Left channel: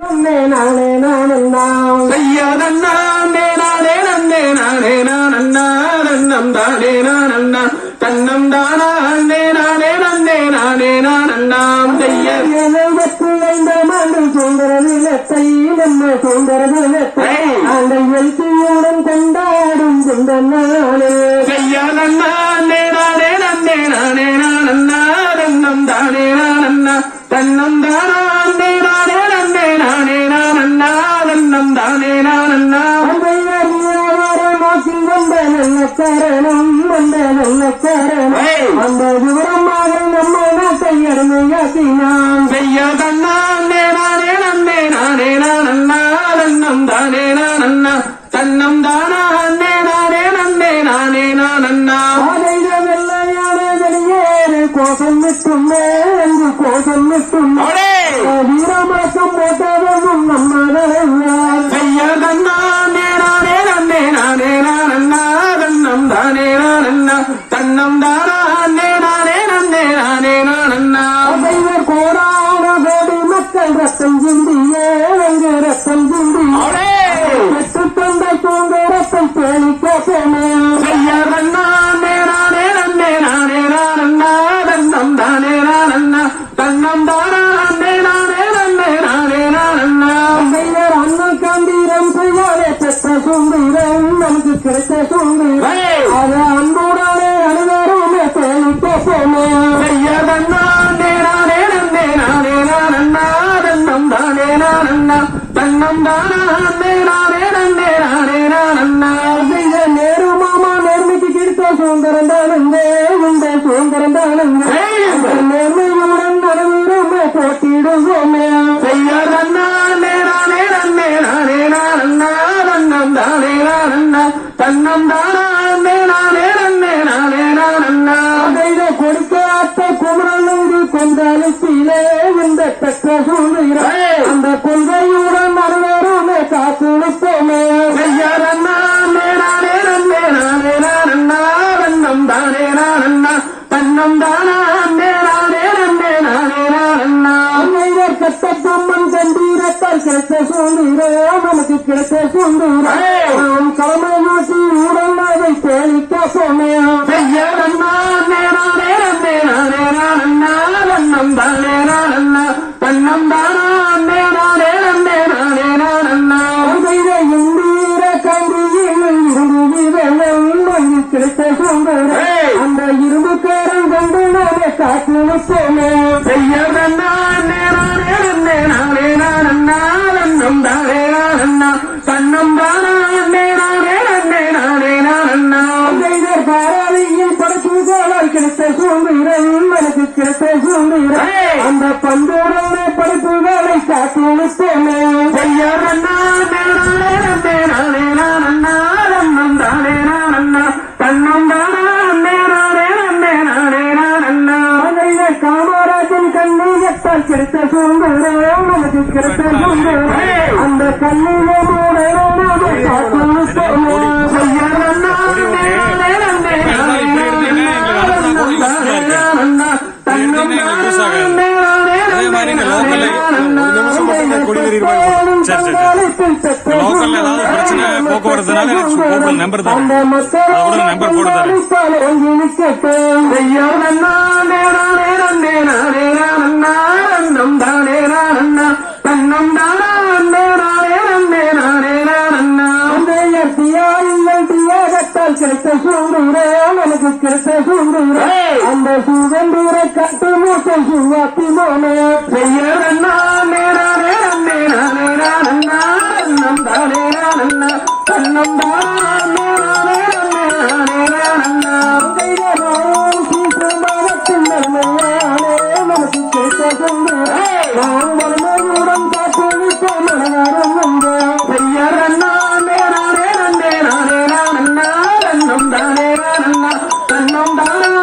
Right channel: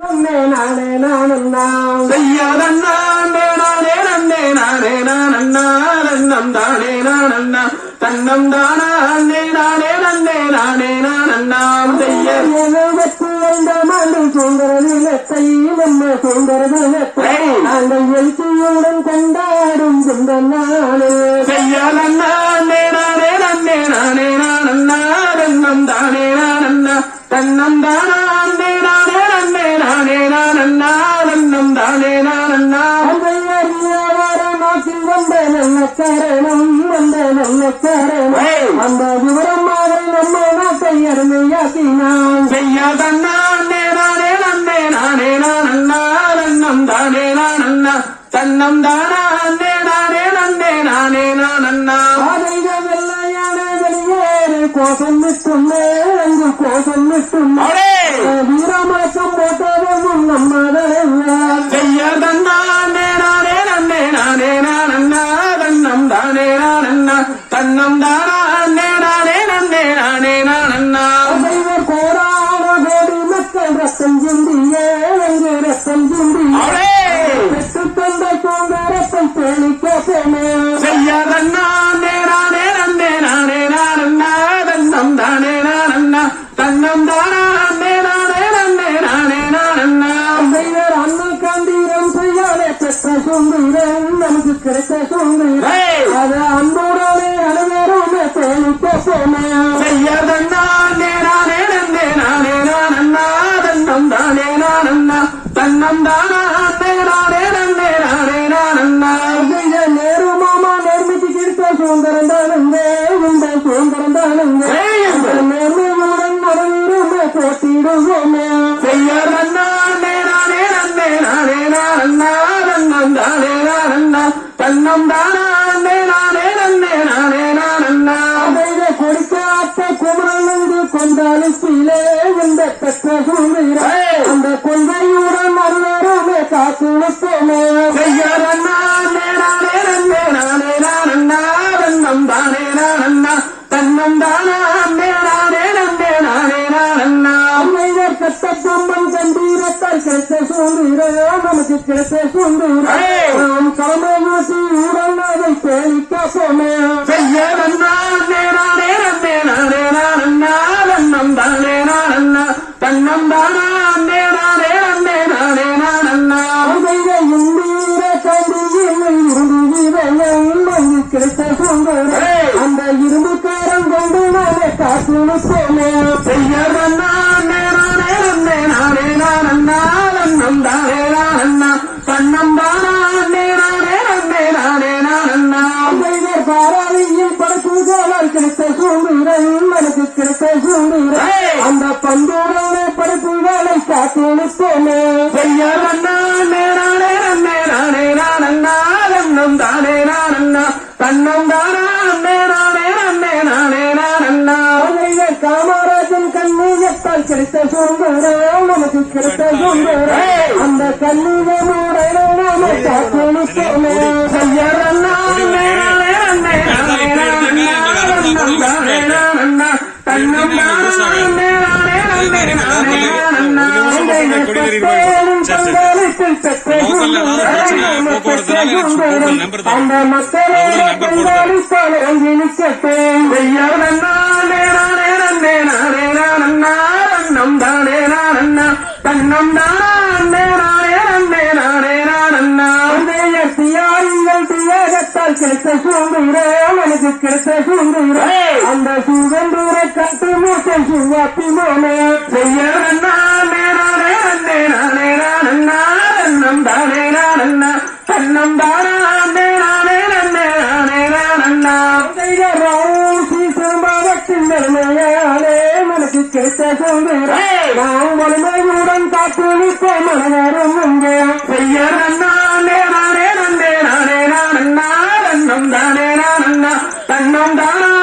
தன்னம் தானா சுந்தரவிலத்தை நம்ம சுந்தரவிலத்தை அந்த எழுச்சியுடன் கொண்டாடும் குண்டனானே தன்னம் தானே தன்னம் தானா தன்னம் தானே காரணம் வந்த நல்ல காரணம் அந்த விவரமாக நம்ம நாட்டை அருமையாக்கினான் செய்யாதன்னா தன்னம் தானே தன்னம் தானா கோஷம் விட்டும் அங்கு கோஷம் விட்டும் வீரமாக்கம் போட்டதும் நம்ம செய்யாதன்னா தன்னம் தானே தன்னம் தானா கோடான கோடி மக்கள் ரத்தம் சிந்தியே ரத்தம் சிந்தியே பெற்று தந்தை தோங்க ரத்தம் தேனிக்க போமே செய்யாதன்னா தன்னம் தானே தன்னம் தானா அண்ணன் காந்தீரம் செய்யாலே பெற்ற சுந்தரம் நமக்கு கிடைத்த சுந்தரம் அது அன்போடானே அனைவருமே தேனிக்க போமே செய்யாதன்னா தன்னம் தானே தன்னம் தானா நேரு மாமா நேர்மைக்கு கிடைத்த சுந்தரம் தானுங்க இந்த சுந்தரம் தானுங்க நேர்மையுடன் நடந்திருமே போட்டிடுவோமே செய்யாதன்னா தன்னம் தானே தன்னம் தானா கொடுக்காத்த குமரனுக்கு கொண்டாலுத்திலே இந்த பெற்ற சூழ்நிலை அந்த கொள்கையுடன் அனைவருமே காத்து நிற்போமே செய்யாதன்னா தன்னம் தானே தன்னம் தானா கட்ட பொம்மன் கண்டீரத்தால் கிடைத்த சூழ்நிலை நமக்கு கிடைத்த சூழ்நிலை கடமை மாற்றி ஊழல் அதை தேடிக்க போமே செய்யாதன்னா தன்னம் தானே தன்னம் தானா இந்திர கண்டியில் இரும்பு கிடைத்த சூழ்நிலை அந்த இரும்புக்காரன் கொண்டு நானே காத்து போமே செய்யாதன்னா தன்னம் தானே தன்னம் தானா பாராளியில் படைப்புகளால் கிடைத்த சூழ்நிலை எனக்கு கிடைத்த சூழ்நிலை அந்த பண்புடனே படைப்புகளை காத்து நிற்போமே செய்யாதன்னா தன்னம் தானே தன்னம் தானா காமராஜன் கண்ணீரத்தால் கிடைத்த சூழ்நிலை நமக்கு கிடைத்த சூழ்நிலை அந்த கண்ணீரோடு கிடைத்த சூழ்நிலை எனக்கு கிடைத்த சூழ்நிலை அந்த சுதந்திர காட்டு மூட்டை சுவாப்பி மோனே செய்யாதன்னா தன்னம் தானே தன்னம் தானா சீக்கிரமாகத்தின் நன்மையாலே மனசு கிடைத்த சூழ்நிலை நாம் வறுமையுடன் காத்து நிற்போம் மனதாரும் உண்டு செய்யாதன்னா தன்னம் தானே தன்னம் தானா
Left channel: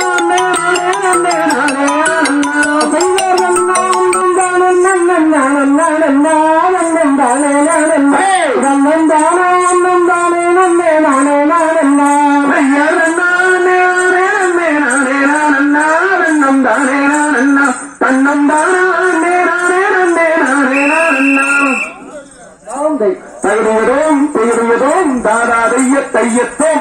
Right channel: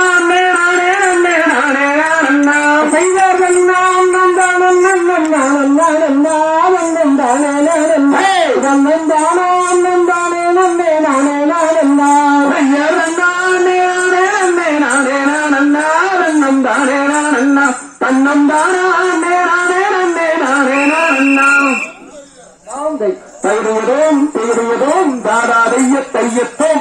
தன்னம் தானா தந்தை தகுதியதோம் தாதாதைய தையத்தோம்